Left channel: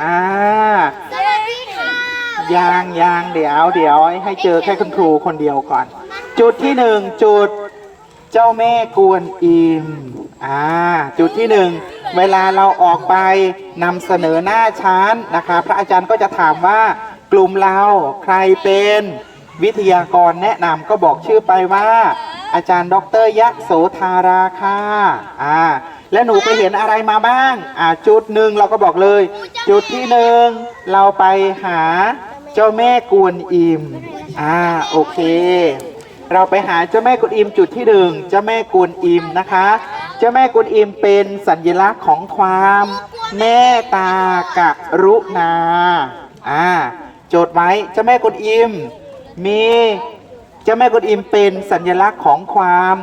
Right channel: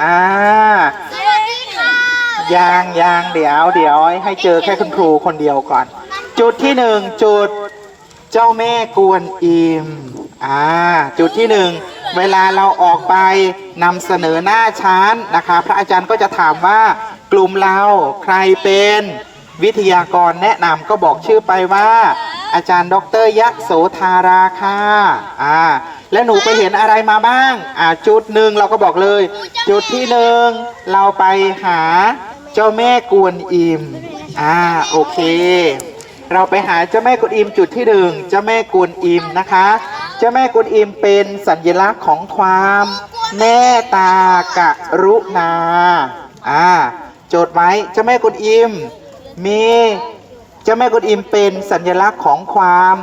อ่าสวัสดีค่ะยางยางเดี๋ยวเดี๋ยวให้เจอแค่คุณครูคนเดียวก่อน จุดที่หนึ่งจุดเจ้าแม่กวนอิมอ่าจุดที่หนึ่งเวลาเราออกไปนำเสนอหน้าชั้นนะคะ พระอาจารย์ก็จะถามว่ากลุ่มเราใครเป็นวิทยากรแนะนำก็บอกชื่อไปว่า อาจารย์ ดรยะโสธาราค่ะอ่าแล้วหนูไปเห็นอะไรมาบ้าง อ่าจุดหนึ่งเราก็บอกเลย จุดที่หนึ่งเราไปหาเจ้าแม่กวนอิมอ่าโอเค เราไปหาเจ้าแม่กุนอิมจุดที่หนึ่งเจ้าแม่กุนอิมนะคะ เจ้าแม่กุนอิมเป็นสัญลักษณ์ของความเมตตากรุณาอ่าจดไว้เจ้าแม่กุนอิมมี เจ้าแม่กุนอิมเป็นสัญลักษณ์ของความ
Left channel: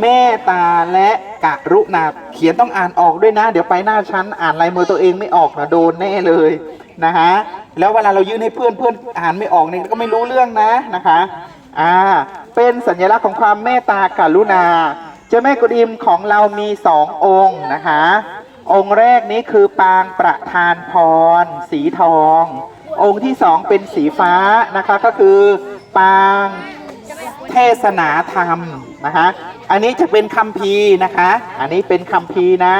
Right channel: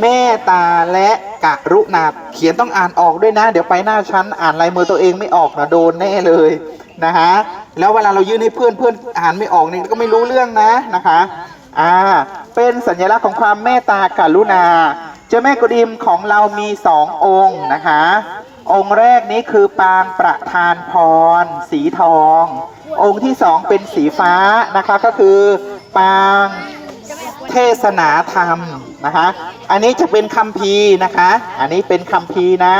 เมตตาและกรุณาเขียนต้องอ่านออกด้วยนะ เดี๋ยวไปหน้าชั้นอ่านลายมือตัวเองไม่ออกนะโดนแน่เลยนะฮะแล้วเวลาเรายื่นให้เพื่อนเพื่อนอ่านไม่ออกนี่ก็ไม่รู้เรื่องนะนะคะอ่าเป็นสัญลักษณ์ของความเมตตากรุณา เจ้าแม่กุฎอิมของเรามีสององค์นะคะ องค์แรกนี้คือปางประธานพร สีทอง องค์ที่สองเป็นสีฟ้านะคะก็คือปาง เทศนาธรรมนะคะ อันนี้จะเป็นคำพีนะคะ อันนี้เป็นคำพีนะ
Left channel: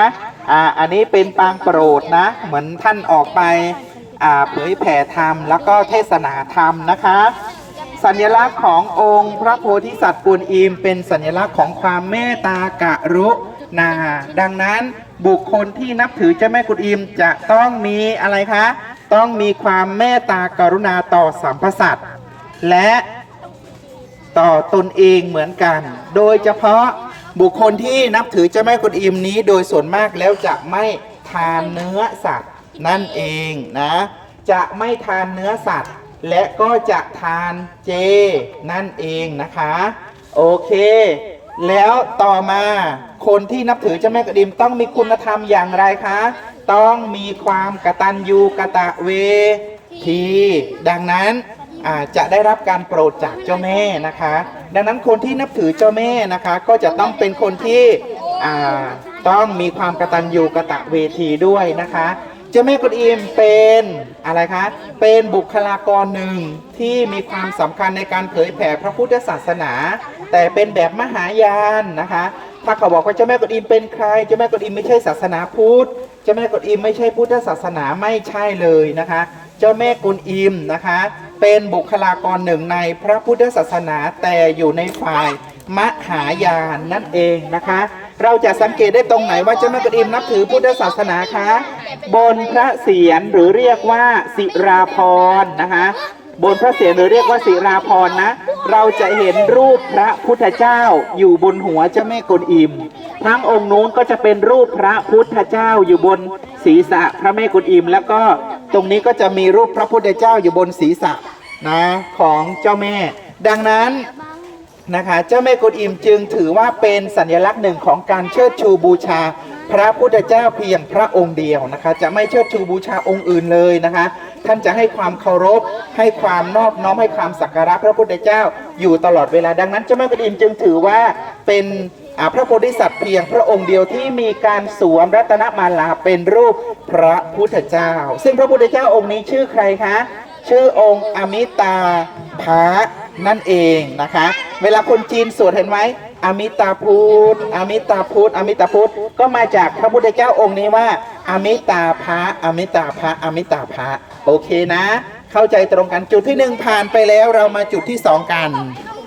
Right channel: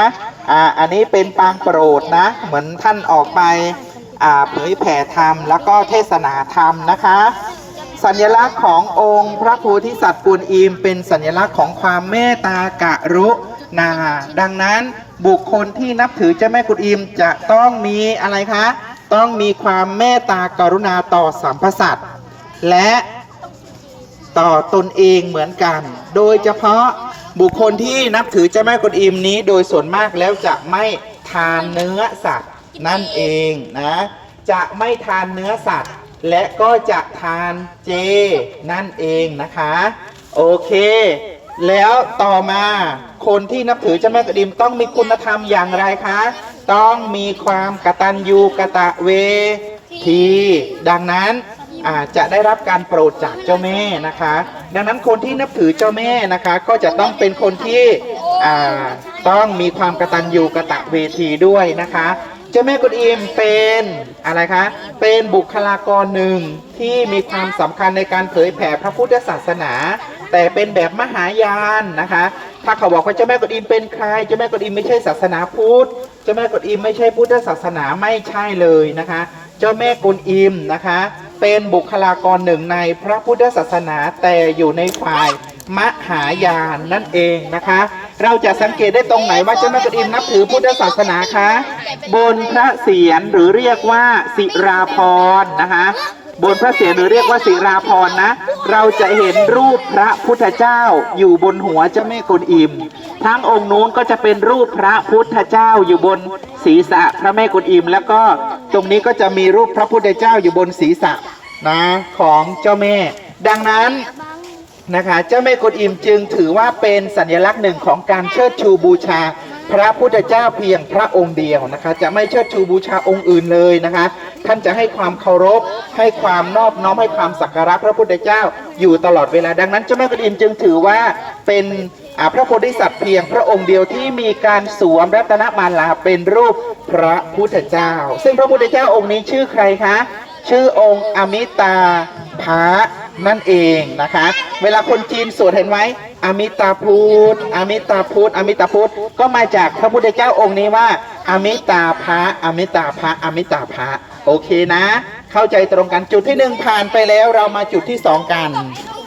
อ่า อันนี้เป็นปางโปรดนะ เหมือนท่านออกไป อ่า เผยแผ่ธรรม แล้วก็เทศนาธรรมนะคะ สัญลักษณ์ขององค์พระโพธิสัตว์กวนอิมเป็นสัญลักษณ์ของความเมตตากรุณา ดังนั้นบุคคลที่นับถือเจ้าแม่กุนอิมจะต้องมีอะไรคะ ต้องมีความเมตตากรุณาต่อสรรพสัตว์และ ต่อตนเองเหมือนกัน โดยเฉพาะบุคคลที่นับถือเจ้าแม่กุนอิมนี้ โดยส่วนมากแล้วจะไม่ทานเนื้อสัตว์นั่นเองนะ จะไม่ทานเนื้อสัตว์ และก็จะทานเจนั่นเองนะคะ โอเค แล้วต่อมาคนที่นับถือเจ้าแม่กระดิมต้องมีคุณธรรมอย่างไรคะ ต้องมีความกตัญญูกะตะเวทีดังนั้น จะได้รับการโปรดจากเจ้าแม่นะคะ ดังนั้นคนที่นับถือเจ้าแม่นะคะ ก็จะต้องเป็นคนที่ต้องมีความกระตัญญูกระตะเวทีด้วยนะคะ เจ้าแม่กุนอิมเป็นอะไรคะ เป็นบุคลากรหนึ่งที่มีความสำคัญในการเผยแผ่พระพุทธศาสนา แต่เป็นแบบมหายานนะคะถ้าเขาบอกว่าเจ้าแม่กุนอิมเป็นใคร เจ้าแม่กุนอิมไม่ใช่ศาสนาพุทธ เจ้าแม่กุนอิมไม่ใช่พุทธศาสนาไม่ใช่เลยนะคะ เจ้าแม่กุนอิมนะคะ เป็นบุคลากรหนึ่งในพระพุทธศาสนาแต่อยู่ในฝ่ายมหายานนั่นเองนะคะ เราจะสังเกตได้ตรงไหนว่าเจ้าแม่กุนอิมนับถือพุทธศาสนาคะบนพระเศียรหรือเรียกว่าศิราพรนะคะบนพระเศียรหรือเรียกว่าศิราพรนะ เราจะเห็นรูปพระพุทธเจ้าอยู่บนหัวเจ้าแม่กุนอิม ทั้งองค์นู้นก็จะเป็นรูปพระพุทธเจ้าอยู่บนศีรษะพระแม่กุนอิม แล้วก็ ตรงนี้ก็จะมีรูปพระพุทธเจ้าอยู่บนศีรษะนะของเจ้าแม่ ดังนั้นนะคะเจ้าแม่กุนอิมจึงถือว่าเป็นสัญลักษณ์หนึ่งของการเชิดชูบูชา พระพุทธเจ้าเพียงพระองค์เดียวนะคะ จะไม่เชิดชูบูชาองค์อื่นเลยนะคะ ท่านจะให้ความเคารพ ให้ความนอบน้อมให้ความสักการะพระพุทธเจ้าอยู่ตลอดเวลาดังนั้นเจ้าแม่กุนอิมจึงถือว่าเป็นพระโพธิสัตว์เพียงพระองค์เดียวที่มีการสวมรัตนมาลาเป็นรูปพระพุทธเจ้า ซึ่งพระพุทธเจ้าองค์นี้ชื่อใครคะ ชื่อองค์อมิตาภะ นั่นเองนะคะ เวลาคนจีนสวดเห็นไหมอมิตาพุทธอมิตาพุทธอมิตาพุทธก็มาจากพระพุทธเจ้าองค์นี้ว่า อมิตาภะอมิตาภะอมิตาภะโอเคนะ เข้าใจตรงกันจุดที่หนึ่งผ่านไปแล้วเรามาจุดที่สองกัน